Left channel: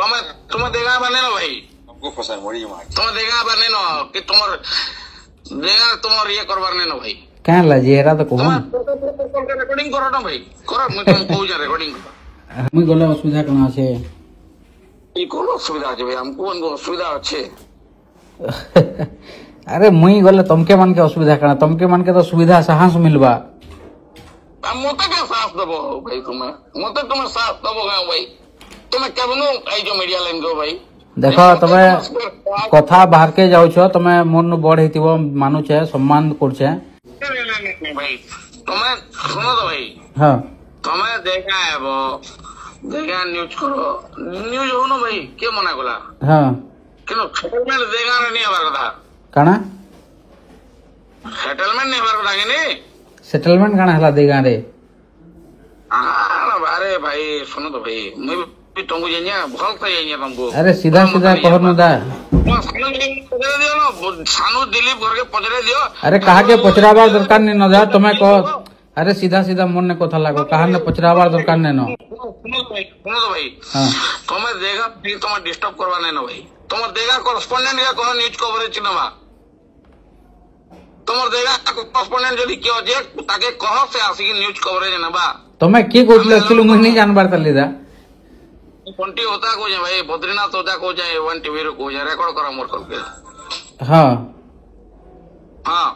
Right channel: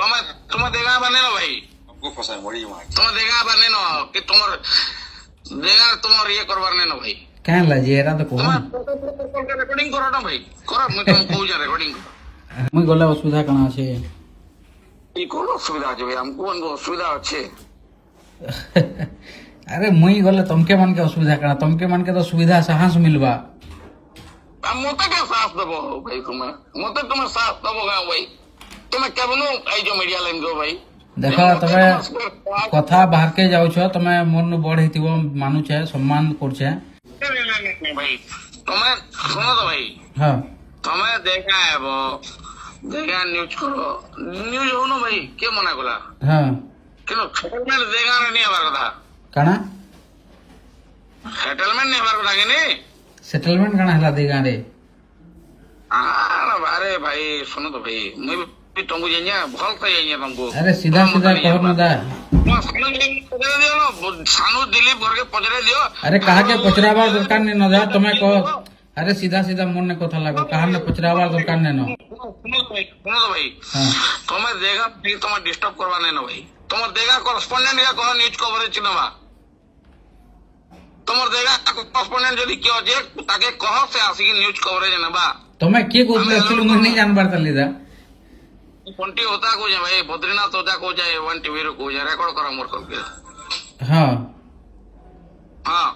तुम्हें तुम्हें देगा बने ना भाई हमको फंसा मरी तुम्हें देगा बने ना कि तुम्हारे देगा तुम्हारे ये करवार नहीं ना भाई क्या लगे एरा तो कहूँ रेकॉर्डिंग करो ना भाई करो मैं तुम कहूँ जा रेकॉर्डिंग करो मुई गले असुविधा कणा আছে ये कौन असुविधा আছে भाई हमको उनको असुविधा अच्छे अरे मुई गले तुमके मन के असुविधा कणा तुमके मन के तो सुविधा साहस मिलबा मत क्या साथ दबो भाई तुम्हें मत तुम्हें साथ दबो गाँव भाई तुम्हें केवनो आई जो मीडिया लाइन को भाई देख तमे कथा बाहर के जाऊ छो तमे मन बड़ हेतिबो मानुछे सम्मान करछे नहीं भाई तुम्हें सुनो तो भाई हां तुम्हें देखा है वो देखा न्यूज करो न्यूज हो ना भाई क्या मना कला हां क्यों सेटलमेंट देखा नहीं हमारा कथा काना सेटलमेंट नहीं हमारा कथा कि नहीं सेटलमेंट काना हला देगा रे अरे भाई सुनो तो भाई मैं भी तुमको जाइए भल से जाइए तुमको अरे सीधा सीधा कहो ना दा सानू दिलीप घर के पचरे दियो अरे कहा के पचरावा दरकार नहीं न जा तुम्हें कहो अरे सीधा सीधा मन ने कथा लागो कहा ने पचरावा दरकार नहीं न सुनो तो भाई तुम्हें देखा तुम्हें डिस्टर्ब करवा नहीं ना भाई तुम्हें देखा करस्पॉन्डेंट या कहो न्यूज कवरेज नवा तुम देखा करस्पॉन्डेंट जदि क्यों जे ताके कहो से आसिकी न्यूज कवरेज नवा तुम्हें की कहले एक्चुअली मुई नहीं जानबार करली दा कोंटी होता को जाए भाई बद्रीनाथ होता को जाए वन टीवी रो को जाए रेकॉर्ड करा मोर करके हां हां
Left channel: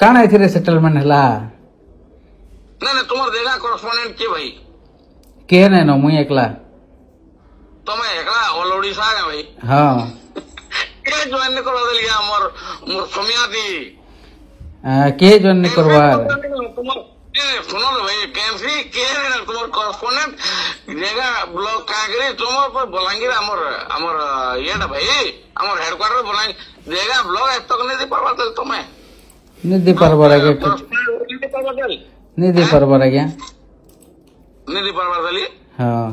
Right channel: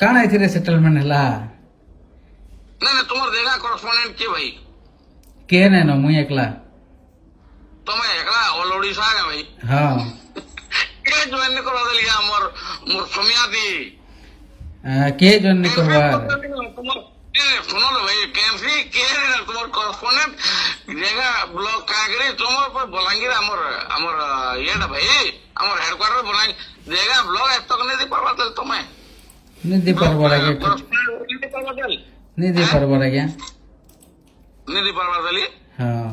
काना एथिरे सेटलमेंट हला नहीं तुम देखा करस्पॉन्डेंट के भाई के ने न मुई एकला तुम्हें एकला ऑल ओडिशा है भाई हां के ज्वाइन करा दिया मोर मोर समियाती के ज्वाइन करवा सुनो तो भाई कैंसी के तुम्हारे करस्पॉन्डेंट जगह ब्लॉक कांगरी तुम्हारे पर बलांगीर अमर ये ना भाई अमर हेडक्वार्टर बलांगीर जगह ब्लॉक एक तक नहीं दी पारवा चल तुम्हें नहीं दी पारवा लगे नहीं दी पारवा लगे नहीं दी पारवा चली हाँ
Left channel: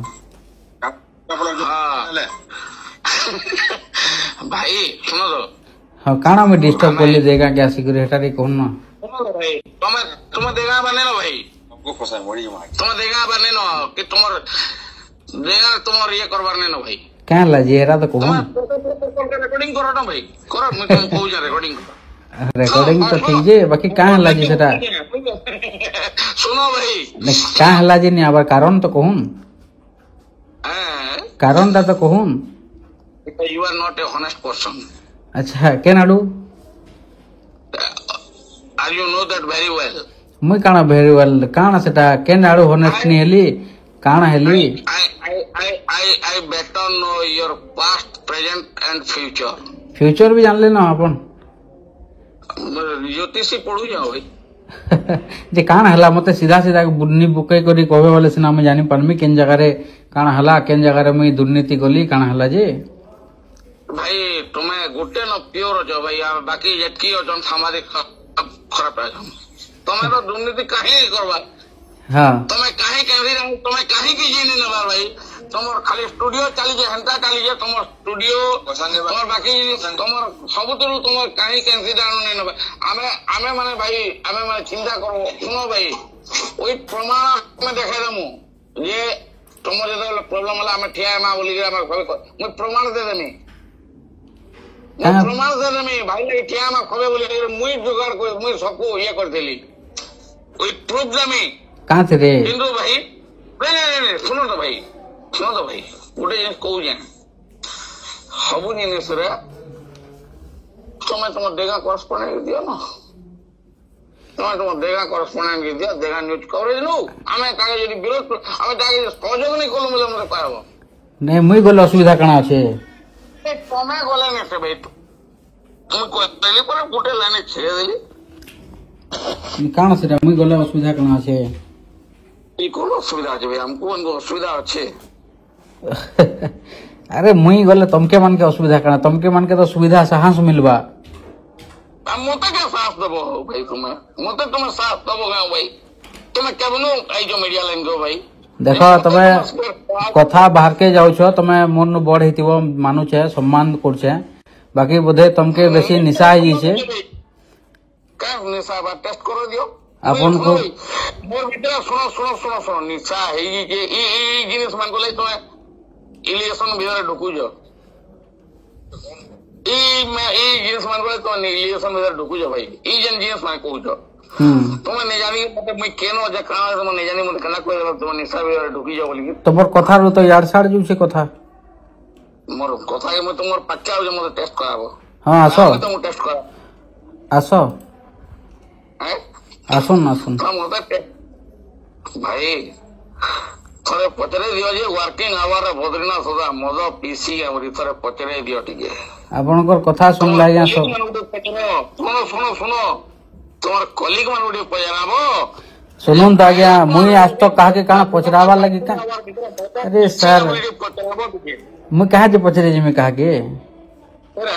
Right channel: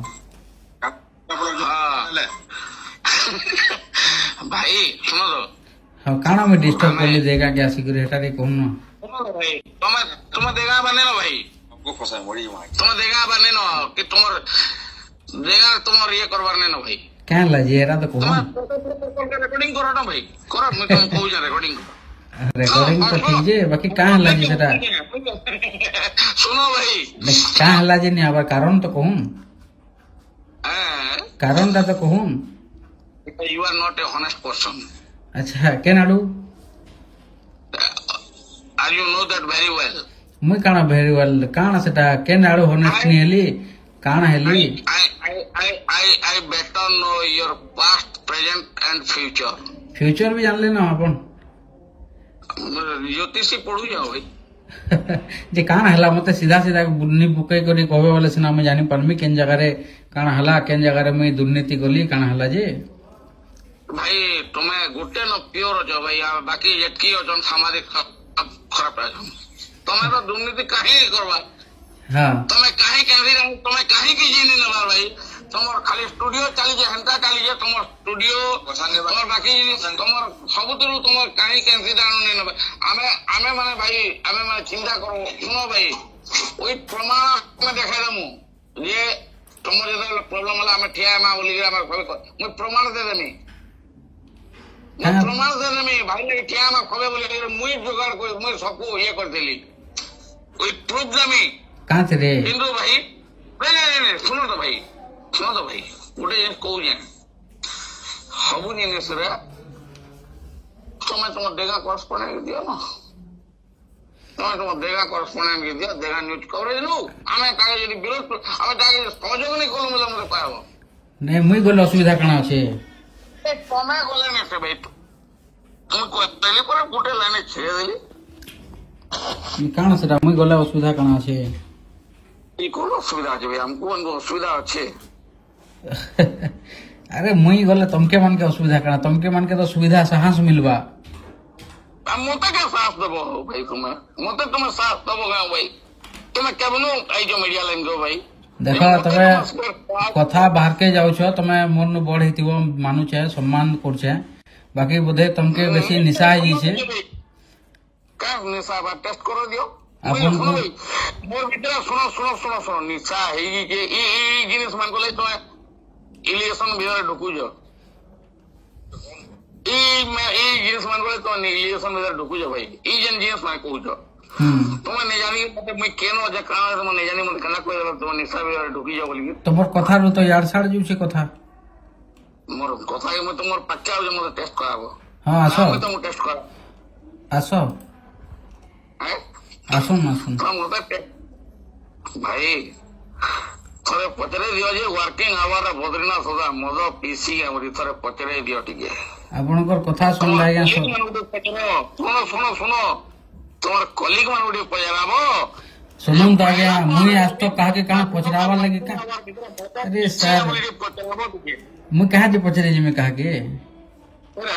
भाई सुनो तो हाँ काना में डिस्टर्ब कर ले जाएगा क्या सिक्योरिटी कौन ना भाई तुम्हें देखा बने ना भाई हमको फंसा मरी तुम्हें देखा बने ना कि तुम्हारे देखा तुम्हारे ये करवार नहीं ना भाई क्या लगे एरा तो कहूँ रेकॉर्डिंग करो ना भाई करो मैं तुम कहूँ जा रेकॉर्डिंग करो रेकॉर्डिंग तो ठीक है बाकी क्या लगे सेटा सुनो भाई क्या लगे नहीं आबार कारण तो कहूँ कारण तो कहूँ you are not a honest person अच्छा क्या Nadu Are you know that very well? मुई काना very well काना सेटा के नाडू हॉनेस्ट नहीं हेली काना हेली I better know your past, present and future. Future भी जान लेना अपन ज्योतिषी पढ़ू जाओ भाई जे काना हला मते सीधा सीधा बुन्नी बुके करी कहबे वाले सिना में जानी परमी केन जगह रे काना हला केन जगह रे मुई दुर्नीति गली काना हला जे भाई तुम्हें गुटे न प्योर हो भाई बाकी जेटकी हो सामाजिक खराब है तुम्हें तो दुर्नीति कहीं करवा हाँ तुम्हें कहीं तुम्हें कहीं की जी नहीं नवा भाई तुम खाली स्टूडियो चली जाए हेन्ता चली जाए तुम स्टूडियो तुम बाकी तुम सबुतु तुम कहीं कैंसी नहीं नवा आमे माने भाई आमे माने चिंता करो सुनो भाई वही प्रमाण में देखा दमु ये तुम जो प्रॉब्लम वाला आमे ठिया ना बोली मुझे प्रमाण दे देनी प्रमाण से नहीं भाई क्या मैं खबे बोले मुई जुगाड़ को मुई सबको ये कर देली कोई प्रूफ जमी कहाँ से रे हिंदू भाई नहीं सुनो तो भाई गोटे जिन कहू जाए सब जिनिस तुम्हें तुम देखा करस्पॉन्डेंट दियो ना तुम्हें तुम देखा करस्पॉन्डेंट दियो देखा न्यूज कवरेज नु आमे ताके यदि विरोध आमे ताके सहयोग नहीं कलु मते पारबो नहीं मुई गले असुविधा काना আছে तुम्हें गले नहीं से भाई तुम कहली पर गोटे लाइन छेड़ देली काना सेटा मुई गले असुविधा काना আছে ई कोन असुविधा আছে भाई हमको उनको असुविधा আছে अरे मुई गले तुमके मन के असुविधा काना तुमके मन के तो सुविधा साहस मिलबा मत क्या साथ दबो भाई तुम्हें साथ दबो गाँव भाई तुम्हें केवनो आई जो मीडिया लाइन को भाई देख तमे कथा बाहर के जाऊ छो तमे मन बड़ हेतिबो मानुछे सम्मान करछे बाकी बोधे तुमके बेसी निशा है छे का निशा बा टेस्ट करो दियो अपन को मोर भीतर सुनो निशा है कि ई जिनिस मान को ले तो ଇଲିଗେସନ ଭିତରେ ଢୁକୁଛ ଏଇ ଜିନିଷ ମାନଙ୍କର ତମେ ଇଲିଗେସନ ଭିତରେ ଢୁକୁଛ ଭାଇ ଏଇ ଯେନ୍ ଜିନିଷ ମାନେ କହୁଛ ତମେ ନି ଜାଣି ମତେ ମୁଇଁ କେନ ଯେ କାଣା ତମେ ନି ଜାଣି ମତେ କେନା କହିଦେଲ ତମେ ନିଶା ଭିତରେ ଢୁକିଛ ବୋଲିକି ତମର କଥାରୁ ତ ଇଆଡେ ସାଡେ ଯାଉଛେ କଥା ମୋର କଥା ମୁଁ ତୁମର ପାଖେ ଆଉଛେ ମତେ ଟେଷ୍ଟ କରାବ ହଁ ଆସ ତମକୁ ଟେଷ୍ଟ କରା ଆସ ଆସୁନ ଆସୁନ ମତେ ଭାଇ ଥରେ ପଚାରି ଦିଅ ଯେ ୱାର୍କିଂ ଆୱାର ବଦ୍ରିନାଥ ସୁଧା ମଦ ପିସି ଆମରି ଥରେ ପଚାରି ଦିଅ ଟିକେ ଆପଣଙ୍କର କଥା ଶୁଣିଲା ଆଜ୍ଞା ଶୁଣ ଶୁଣ ତମର କଲିଗ ମାନଙ୍କୁ ଟିକେ ପଚାରାବ ଶୁଣନ୍ତୁ ଆଜ୍ଞା ମୁଇଁ ଆଜ ତ କାହାକେ କାଣା ପଚରାବାର ଲାଗି ଆରେ ସାର୍ ପଚାରାବ ଟିକେ ମୁଇଁ କାହାକେ ପଚରେ ଯିମି କାହାକେ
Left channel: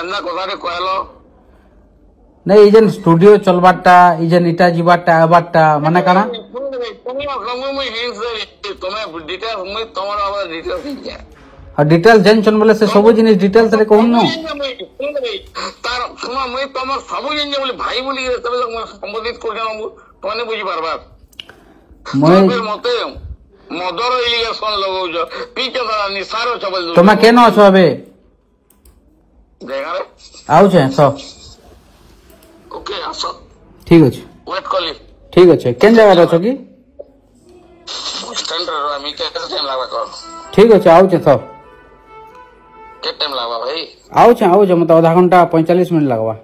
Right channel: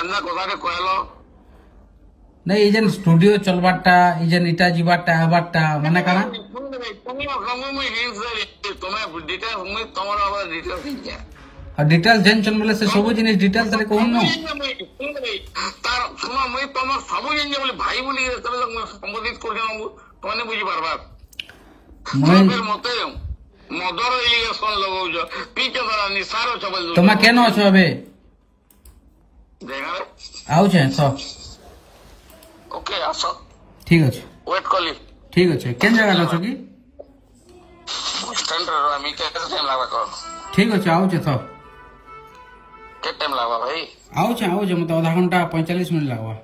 ଏନ୍ତା କଥାରେ କହିଲ ନାଇଁ ଇ ଯେନ୍ ଷ୍ଟୁଡିଓ ଚଲବାରଟା ଇ ଯେନ୍ ଇଟା ଯିବାରଟା ଆବାରଟା ମାନେ କାଣା ଆଉ ଡିଟେଲ୍ସ ଜାଣିଛନ୍ ବୋଲେ ସେ ସବୁ ଜିନିଷ ଡିଟେଲ୍ସ ରେ କହୁନ ତାର ଶୁଣ ମୁଇଁ ତମର ସବୁ ଜିନିଷ ବୋଲି ଭାଇ ବୋଲି ସମ୍ବୋଧିତ କରୁଛନ୍ ତମେ ବୁଝିପାରବା ମତେ ମଦର ଇଲିଗେସନ ଲଗାଉଛ ପିଛ ତାରା ନିଶାର ଅଛ ବୋଲି ତମେ କେନ ଅଛ ଏବେ ଜାଗାରେ ଆଉଛେ ତ ଓକେ ଆସ ଠିକ ଅଛି ୱେଟ୍ କଲି ଠିକ ଅଛି କେନ୍ ଜାଗାରେ ଅଛ କି ଷ୍ଟାଣ୍ଡରେ ରହିମି କେତେ ଟାଇମ୍ ଲାଗବା କହ ଠିକ ଅଛି ଆଉଛେ ତ କେତେ ଟାଇମ୍ ଲାଗବା ଭାଇ ଆଉଛେ ମତେ ଅଧା ଘଣ୍ଟା 45 ମିନିଟ୍ ଲାଗବା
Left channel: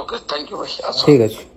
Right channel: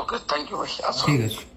ଓକେ ଥ୍ୟାଙ୍କ ୟୁ ଭାଇ ଆସ ଠିକ ଅଛି